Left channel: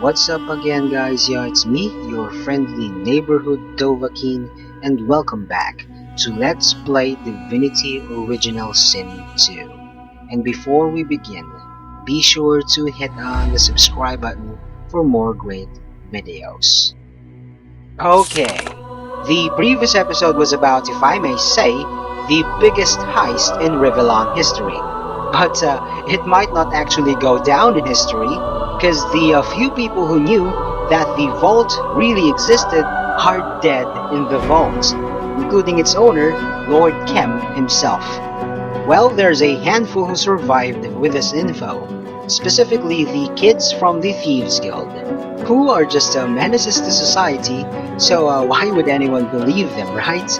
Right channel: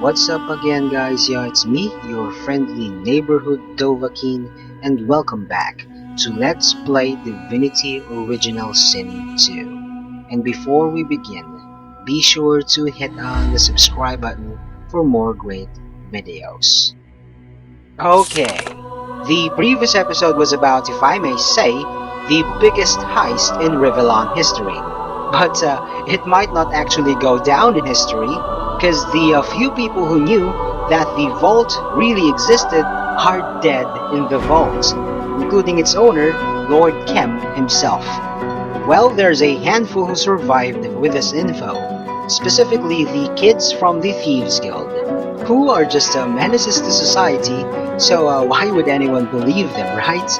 What's up again, guys? Yeah, it's me, your friendly neighborhood Dovahkiin, and welcome back to Let's Play Divinity Original Sin 2. And before we begin, be sure to hit on the subscribe button for more great videos. Okay, the previous episode was about, if I may say, the biggest heist in Revelant history. But it might not actually go down in history, because the few people who knew that the vault really existed are dead in the vault, including its owner, Lord Kem himself. Well, there's a handful who survived with this info, specifically the kids from the Thieves Guild, who are just menaces to society, so why would anyone believe them, right?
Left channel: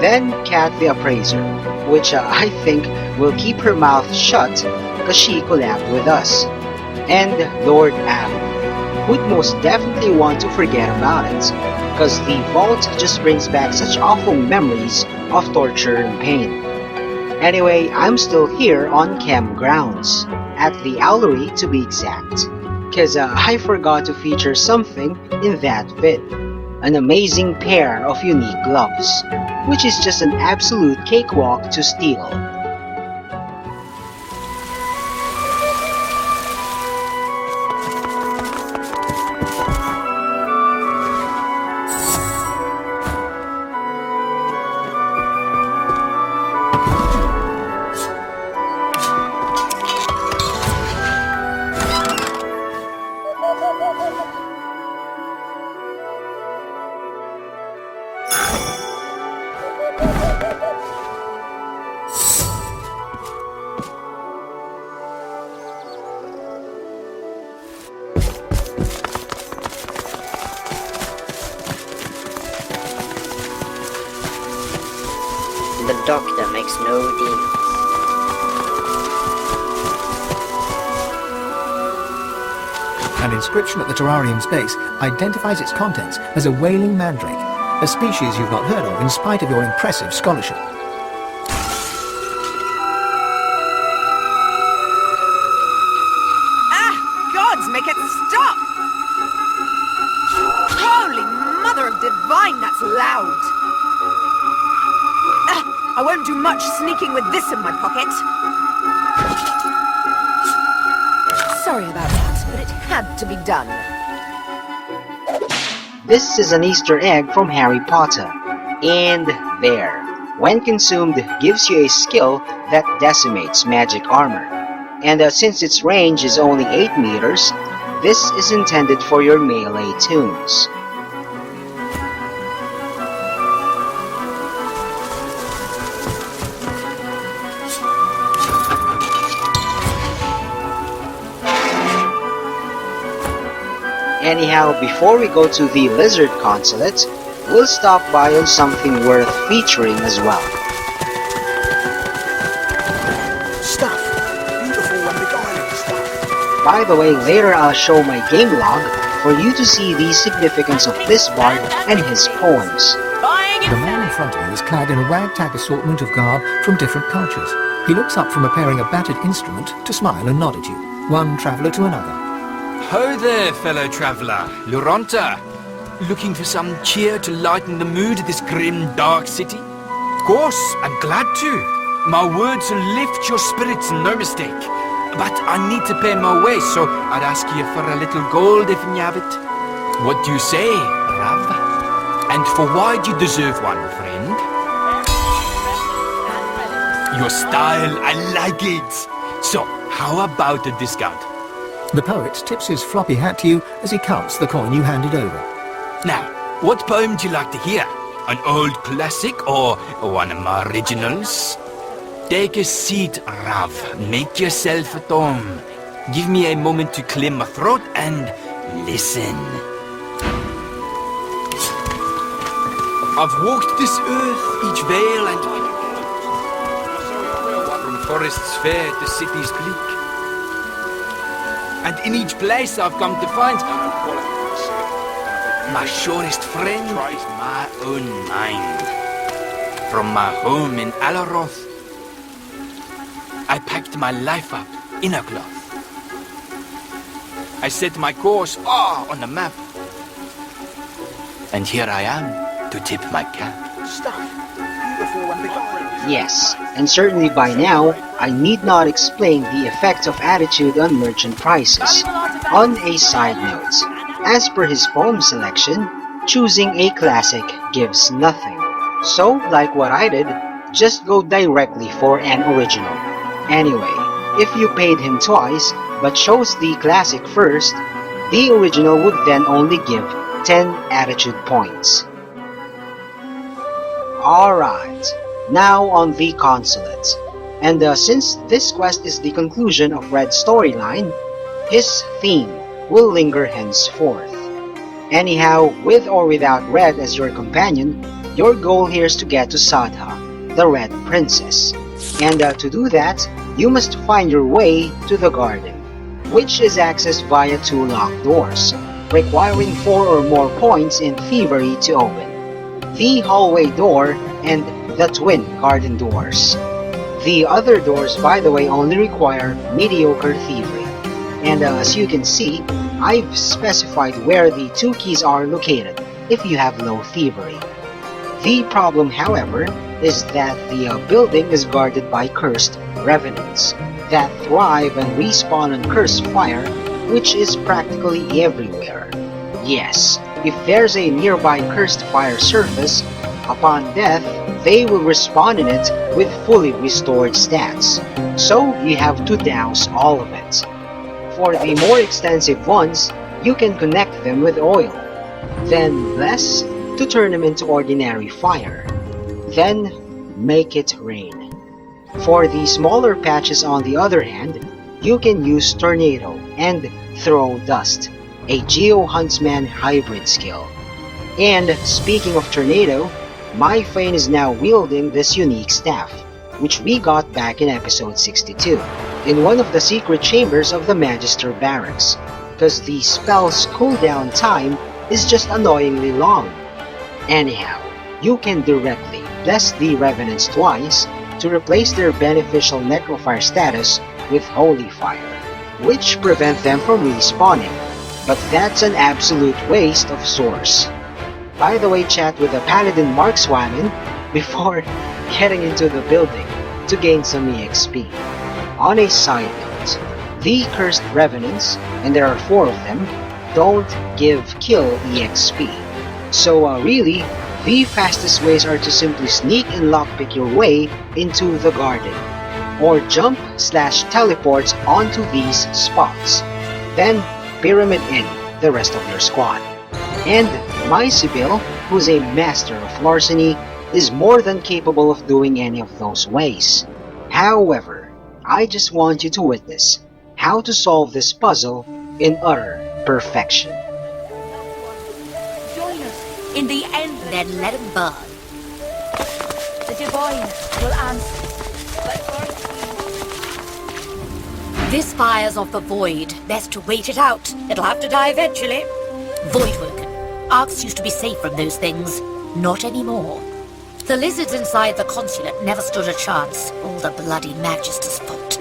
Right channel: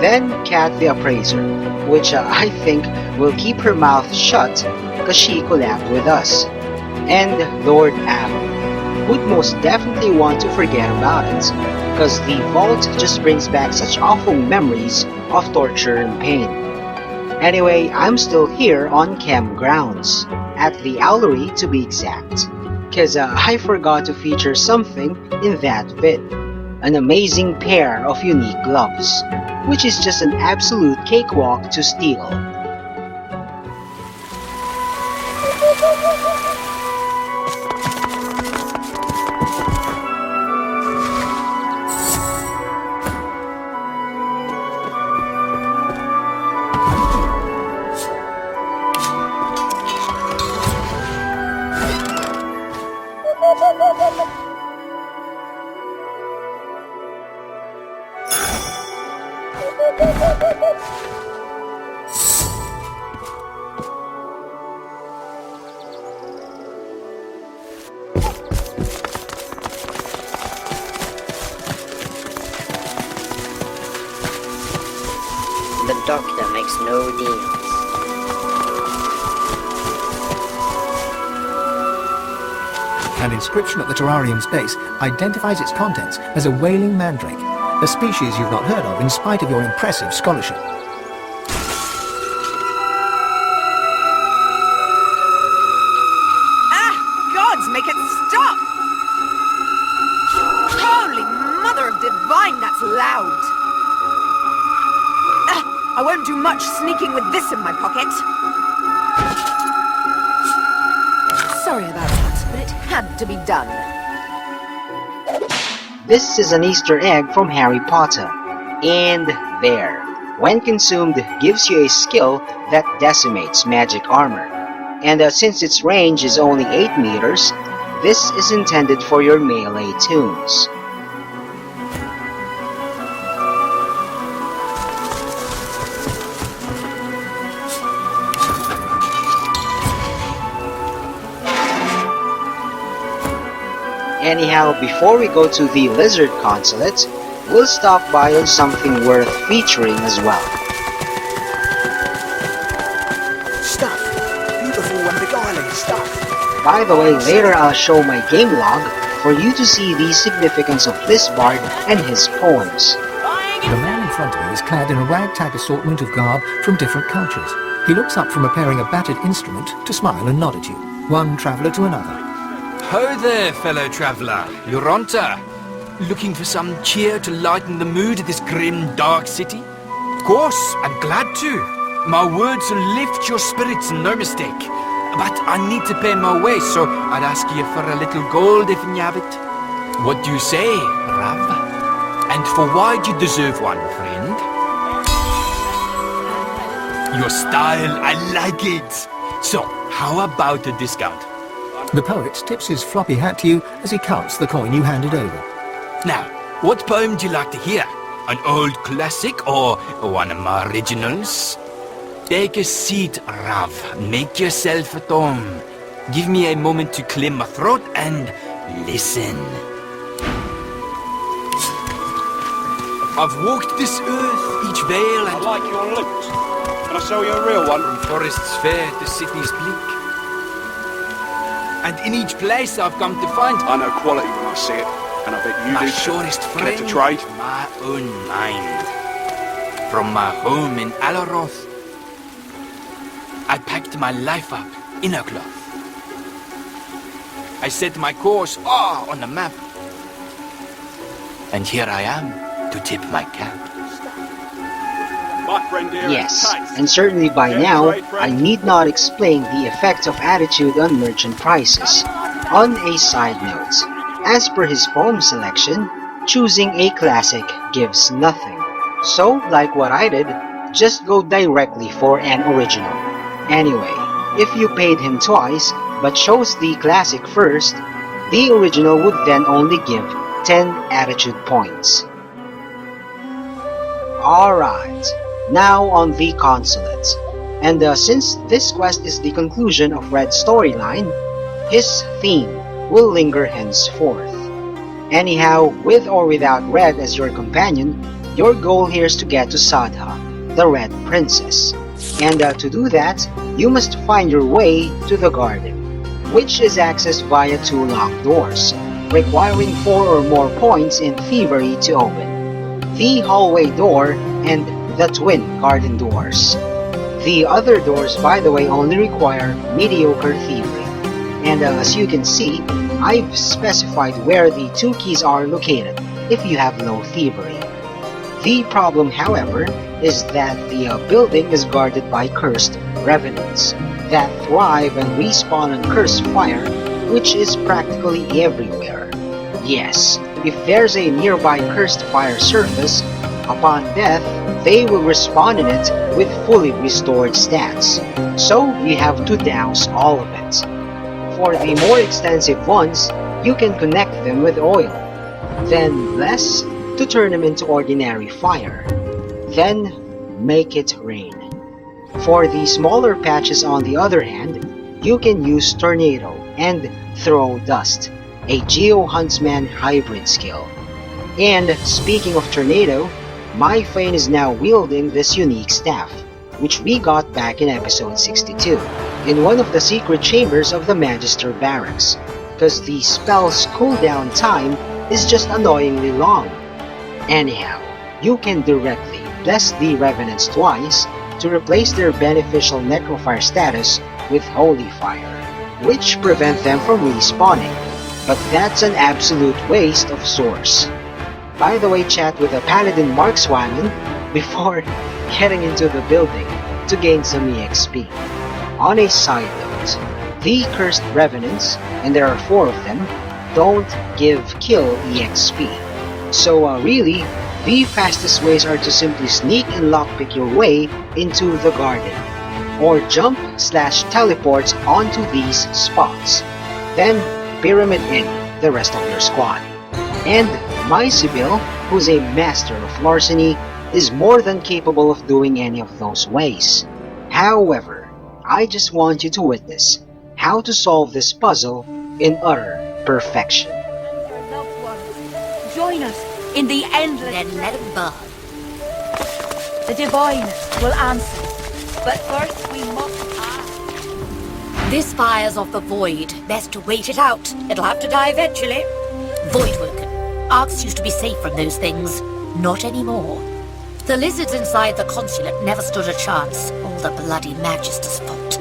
Then Kat the Appraiser, which I think will keep her mouth shut because she collabed with us. And Lord Am, who'd most definitely want to forget about it, because the vault just brings back such awful memories of torture and pain. Anyway, I'm still here on Chem grounds, at the Owlery to be exact, because I forgot to feature something in that vid. An amazing pair of unique gloves, which is just an absolute cakewalk to steal. Doctor makes no deals. An inscription at the terrarium's base identifies its contents as a wailing mandrake, a species you've not heard of in spite of your impressive scholarship. Oh, gods, make it stop! Holy Mother of Divine, that's loud! I won't do much sneaking with this in my pocket. Sorry about that, but it had to be done. This is an Easter egg from Harry Potter. And there, when consumed, gives you a skill that decimates magic armor. And since its range is only 8 meters, this is intended for your melee tunes. Anyhow, before we go to the Lizard Consulate, we'll stop by on something worth featuring as well. Stuff! Beautiful when the garland stuff! By the way, later I'll show my game log for you to see the significance of this bard and his poems. The man in front of me is clad in a ragtag assortment of garb from different cultures. He looks up from repairing a battered instrument to smile and nod at you, one traveller to another. Ho there, fellow traveller. Uronta. Looking for some cheer to lighten the mood of this grim, dark city? Of course, I'm glad to. My words will lift your spirits, no mistake. But I need to pay my way, so I'd ask you for a little gold if you have it. What do you say, Rav? And for why do you deserve one, friend? Your style, I like it. So, how about a discount? The poet tips his floppy hat to you as he counts the coin you handed over. Now, what poem do you like to hear? An old classic or one of my originals? Take a seat, Rav. Make yourself at home. Give me a moment to clear my throat and listen. I've walked this earth, each vale and... I like your looks. Can I show you a real one? From forests fair to cities bleak. And in each place I've come to find... I know quality when I see it. And I bet you my did. surest Get friend, to trade. my own mind. From my home in Alaroth, I packed my life out in a cloth. I set my course far on the map. And here I am to tip my cap. My friend here. Yes, and certainly by now, I need not explain the effect of attitude on merchant prices. On a side note, as per his poem selection, choosing a classic gives nothing. So, like what I did, just go directly for an original. Anyway, if you paid him twice, but chose the classic first, the original would then only give 10 attitude points. Alright, now on the Consulate. And since this quest is the conclusion of Red's storyline, his theme will linger henceforth. Anyhow, with or without Red as your companion, your goal here is to get to Sadha, the Red Princess. And to do that, you must find your way to the garden, which is accessed via 2 locked doors, requiring 4 or more points in thievery to open. The hallway door and the twin garden doors. The other doors, by the way, only require mediocre thievery. And as you can see, I've specified where the 2 keys are located if you have low thievery. The problem, however, is that the building is guarded by cursed revenants that thrive and respawn on cursed fire, which is practically everywhere. Yes, if there's a nearby cursed fire surface, upon death, they will respawn in it with fully restored stats, so you have to douse all of it. For the more extensive ones, you can connect them with oil, then less to turn them into ordinary fire, then make it rain. For the smaller patches on the other hand, you can use Tornado and Throw Dust, a Geo Huntsman hybrid skill. And speaking of Tornado, my Fane is now wielding this unique staff, which we got back in episode 62, in one of the secret chambers of the Magister Barracks, because the spell's cooldown time is just annoyingly long. Anyhow, you can directly bless the Revenants twice to replace their beneficial Necrofire status with Holy Fire, which prevent them from respawning, but that's an absolute waste of source. By the way, chat with a Paladin Markswaman before getting into the building to gain some EXP. On a side note, the Cursed Revenants, and there are 4 of them, don't give kill EXP. So really, the fastest ways are to simply sneak and lockpick your way into the garden, or jump/teleport onto these spots, then pyramid in the rest of your squad. And my Sibyl, who's a master of larceny, is more than capable of doing any of those ways. However, I just want you to witness how to solve this puzzle in utter perfection. Join us in the end, then let it burn. The Divine will answer, but first we must... This fire's of the Void. Best to wait it out. It'll have to die eventually. Voidwalker. Arcs used to be safe from those things. Not anymore. The lizards inside the Consulate never stood a chance. All the bloody Magister's fault.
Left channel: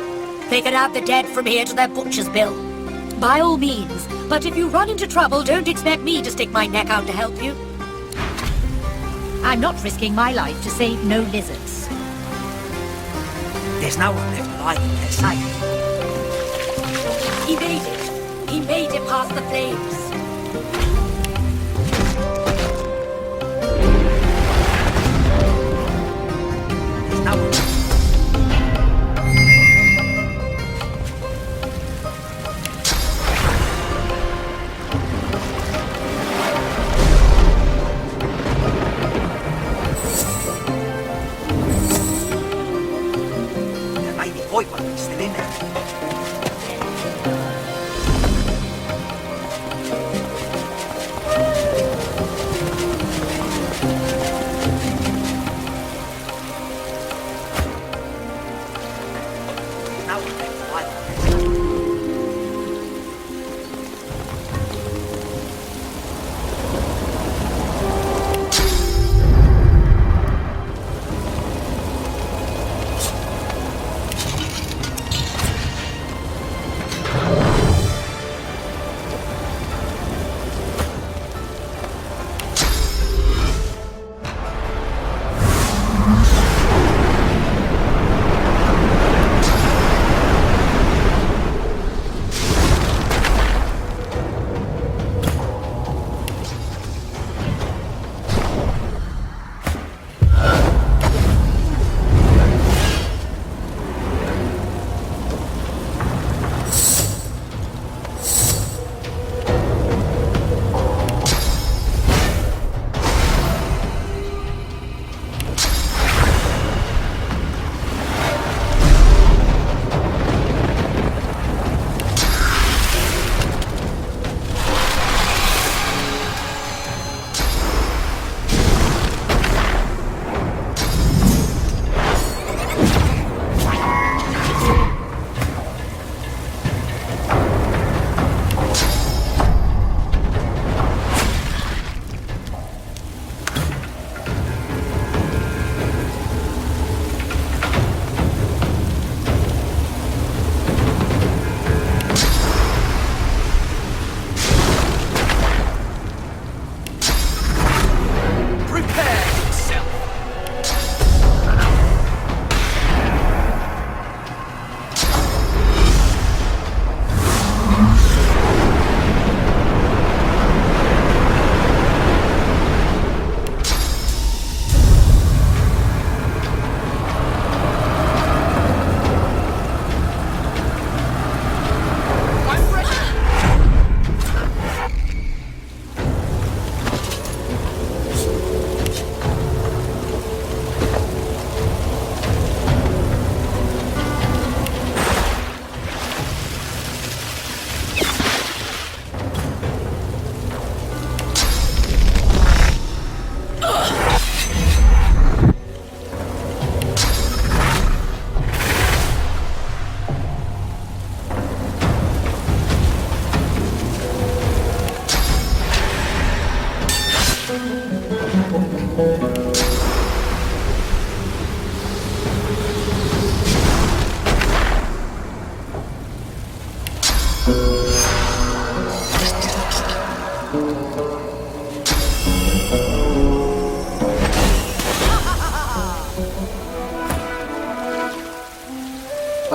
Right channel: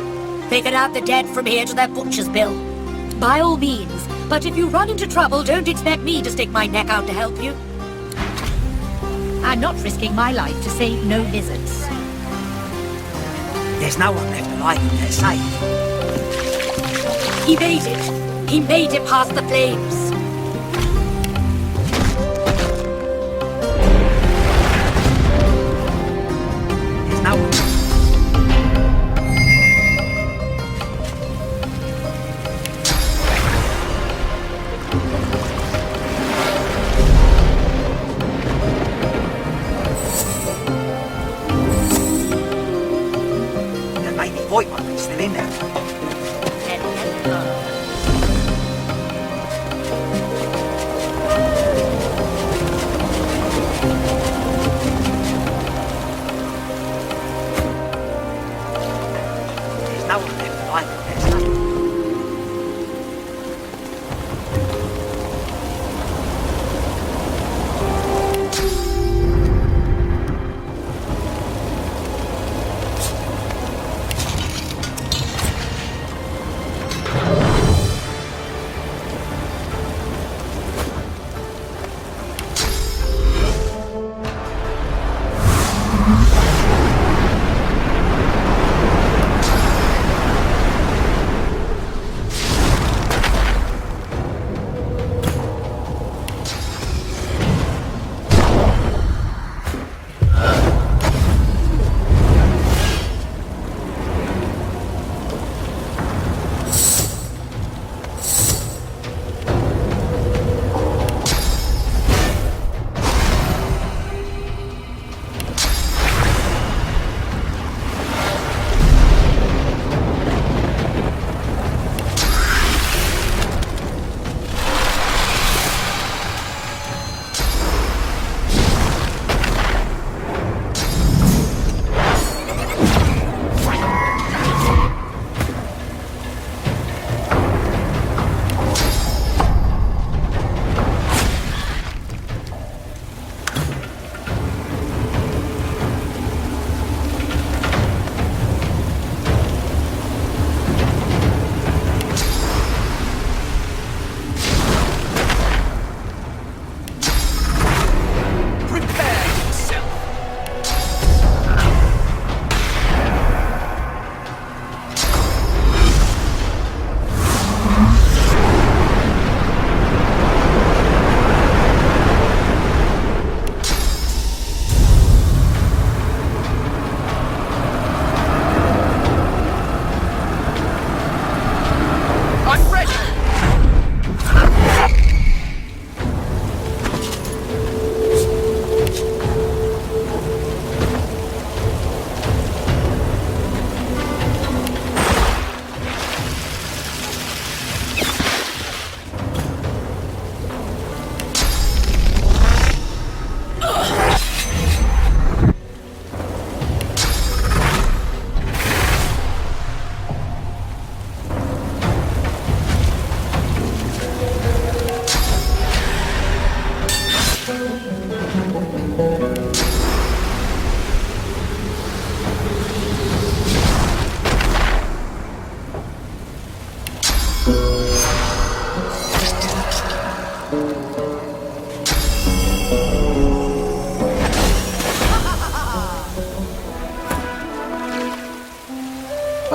They could have the dead from here to their butcher's bill. By all means, but if you run into trouble, don't expect me to stick my neck out to help you. I'm not risking my life to save no lizards. There's no one left alive in their sight. He made it. He made it past the flames.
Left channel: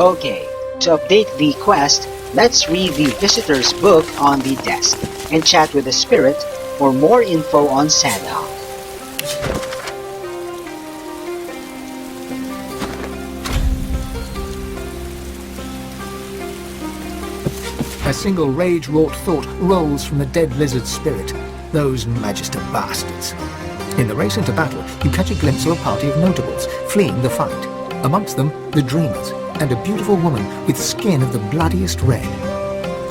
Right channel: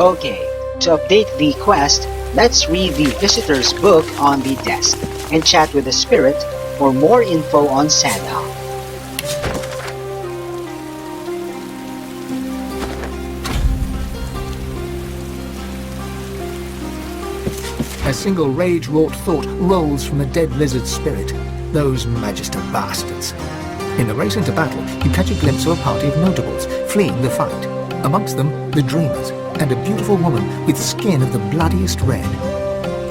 Okay, to update the quest, let's read the visitor's book on the desk and chat with the spirit for more info on Santa. A single rage-wrought thought rolls from the dead lizard's spirit. Those Magister bastards. In the race into battle, you catch a glimpse of a party of notables fleeing the fight. Amongst them, the Dreamers, and a beautiful woman with skin of the bloodiest red.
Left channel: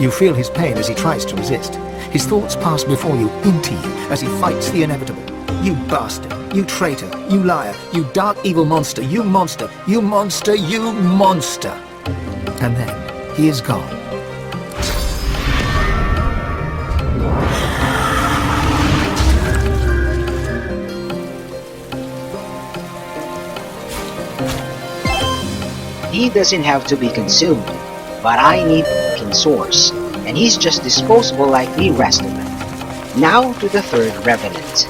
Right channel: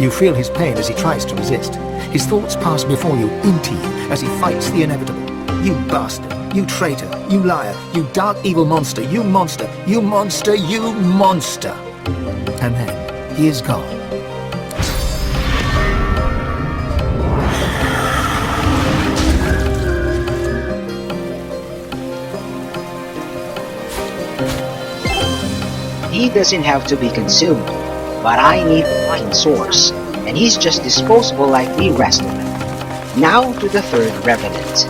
You feel his pain as he tries to resist. His thoughts pass before you, into you, as he fights the inevitable. You bastard, you traitor, you liar, you dark evil monster, you monster, you monster, you monster. And then, he is gone. He doesn't have to be consumed, but I need the fucking source, and he's just disposable like the rest of them. Now to the third Revenant.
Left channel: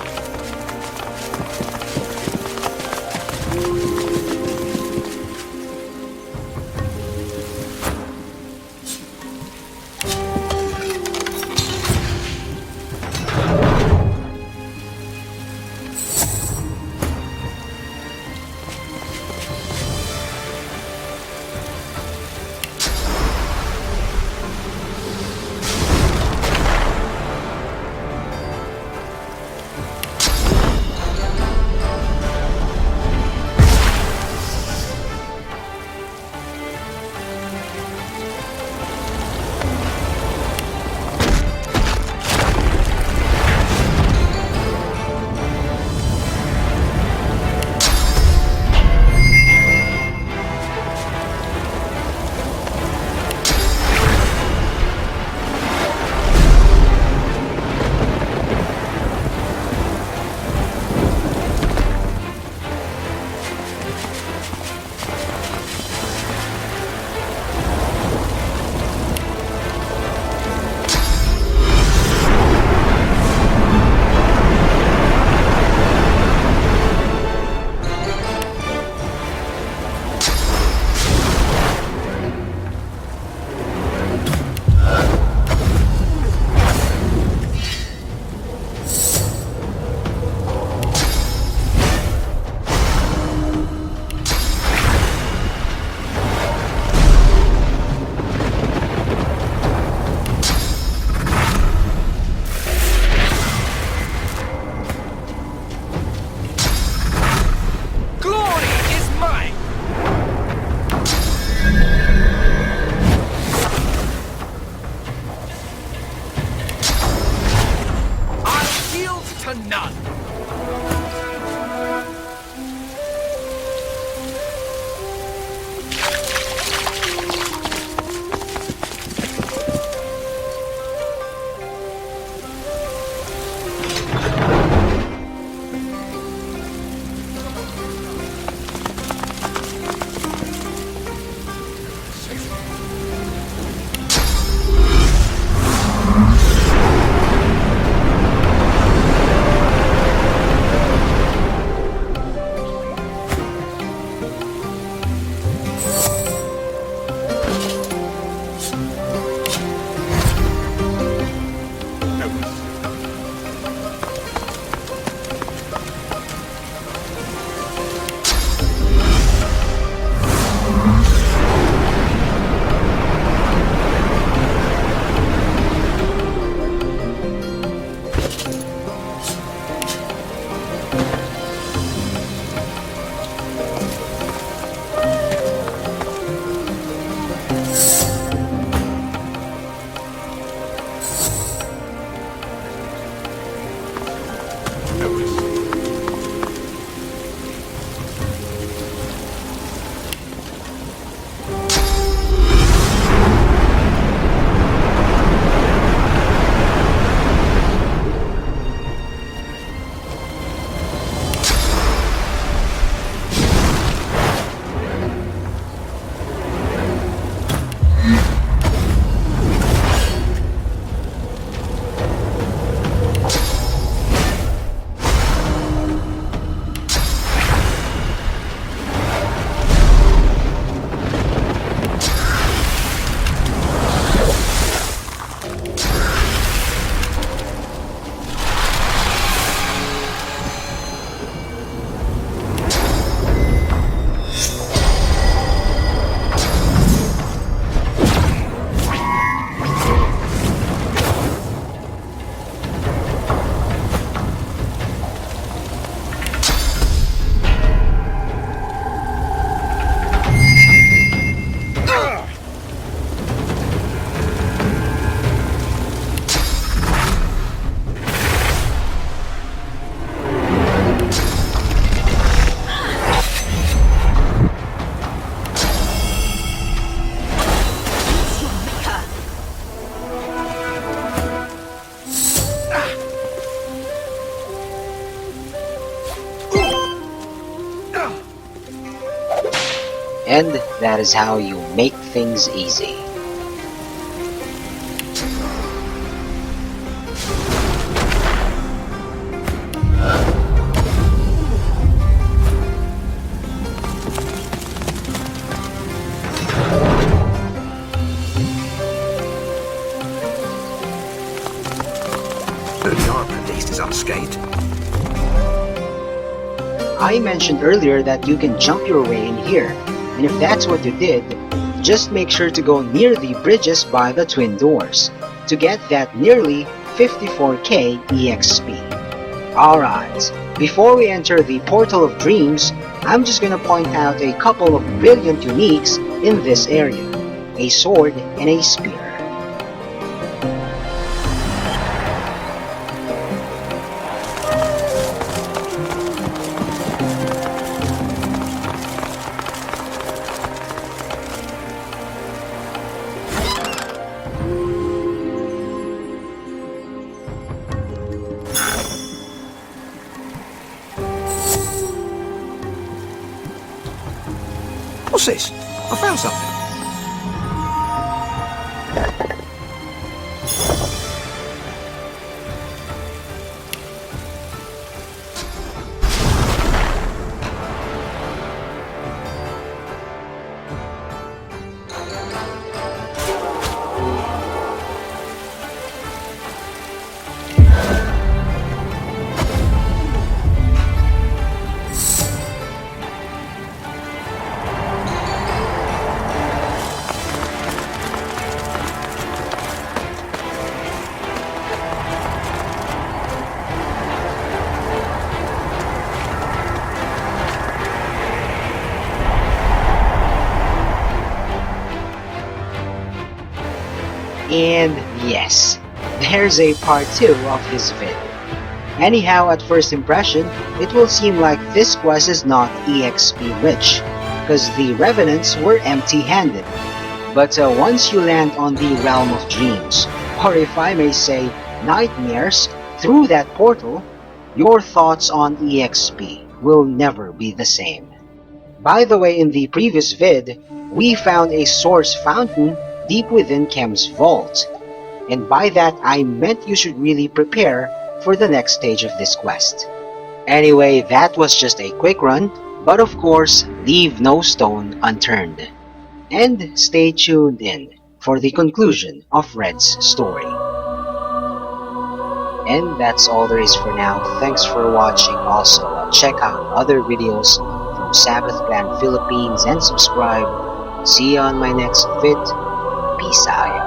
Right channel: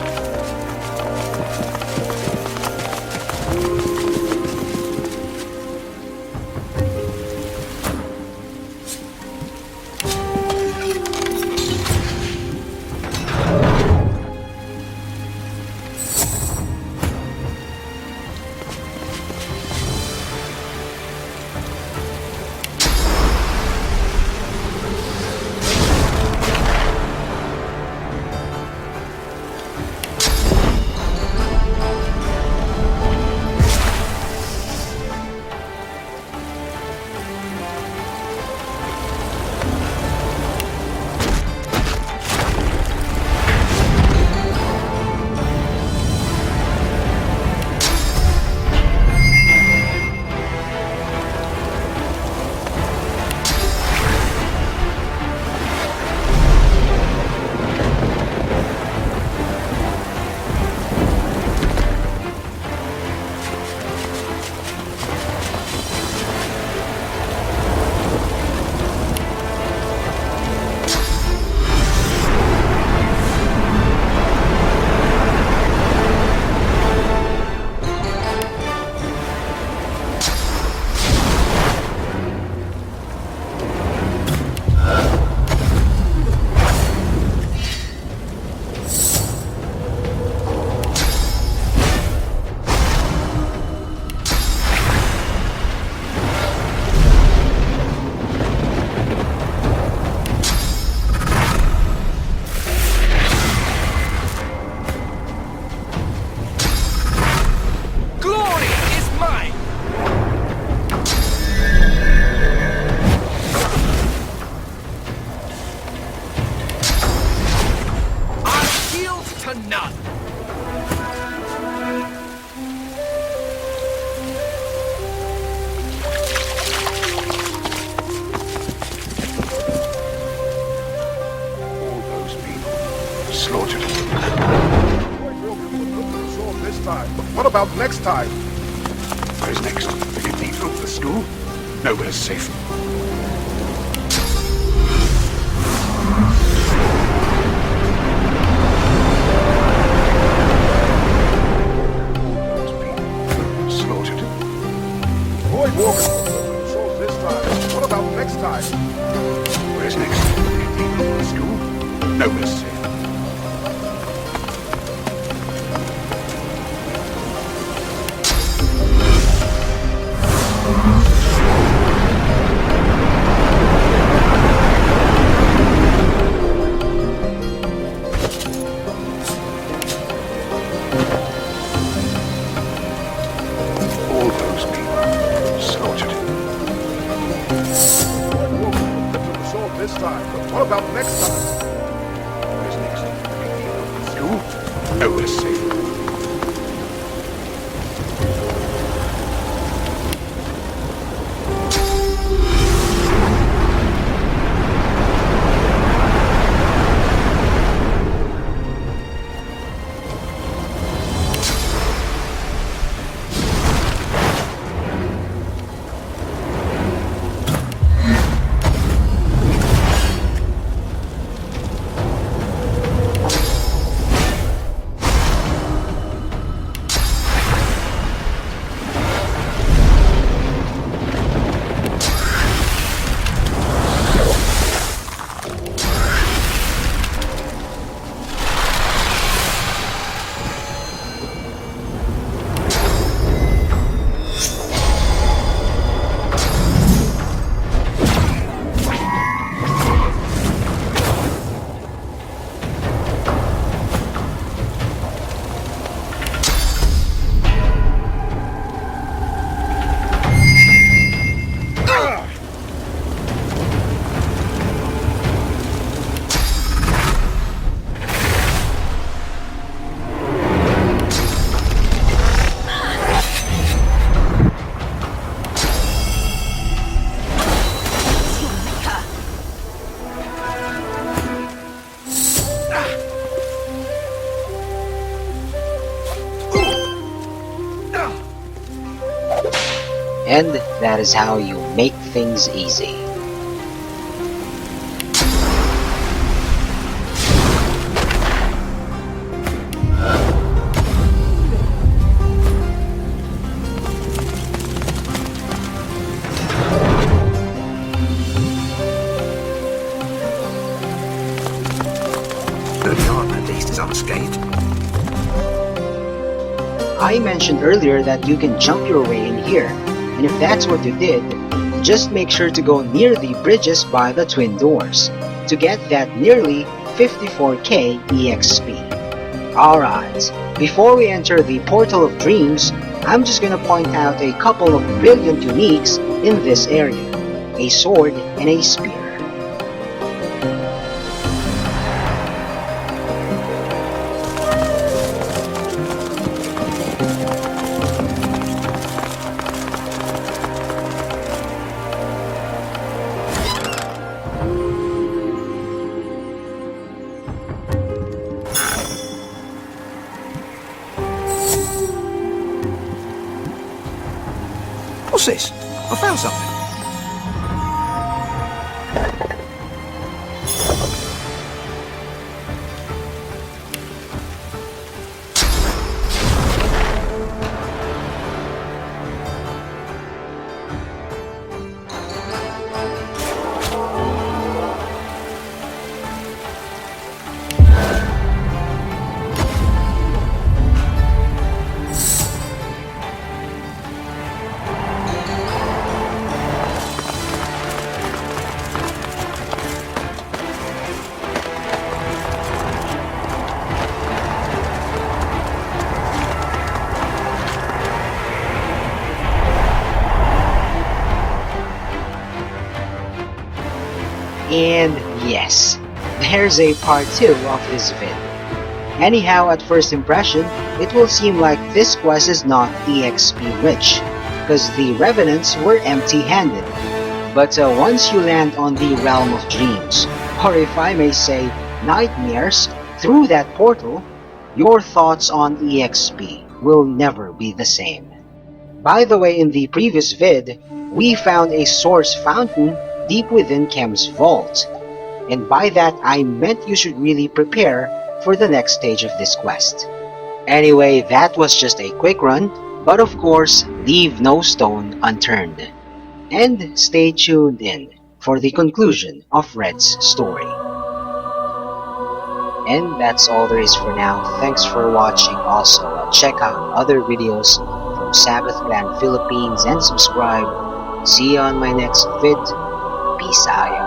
What about next time? Where's next? Did these go to the school? Nowhere's safe. Slaughtered. Boy, woman. So this time. What about next time? Where's next? Did these go to the school? Nowhere's safe. And that is how you make things easy. Beyond at least is unscathed. I mentioned earlier that you can jump your way in here, and if that's what you did, just make sure to go near the bridges by the twin doors to get that nearly 54k EXP. Alright, before we enter the Portal of Dreams, I'm just gonna point out a couple of brilliant uniques in this area, a sword and a spear. What's this? I found something. And yes, there's a part 2 of this vid. Anyhow, at first impression, it will seem like this quest is not EXP rich, cause the Revenants were empty-handed. But once you land on the Realm of Dreams, or if I may say, nightmares, through that portal, your thoughts on EXP will never be the same. By the way, in the previous vid, we found a source fountain deep within Kem's vault, and by that I meant you should really prepare for the next stage of this quest. Anyway, that was just a quick run, but of course, leave no stone unturned. And stay tuned in for the conclusion of Red's story. And that's all there is for now. Thanks for watching. Also, check out other videos from Sabbath Clan Philippines and subscribe. See you on my next vid. Peace out.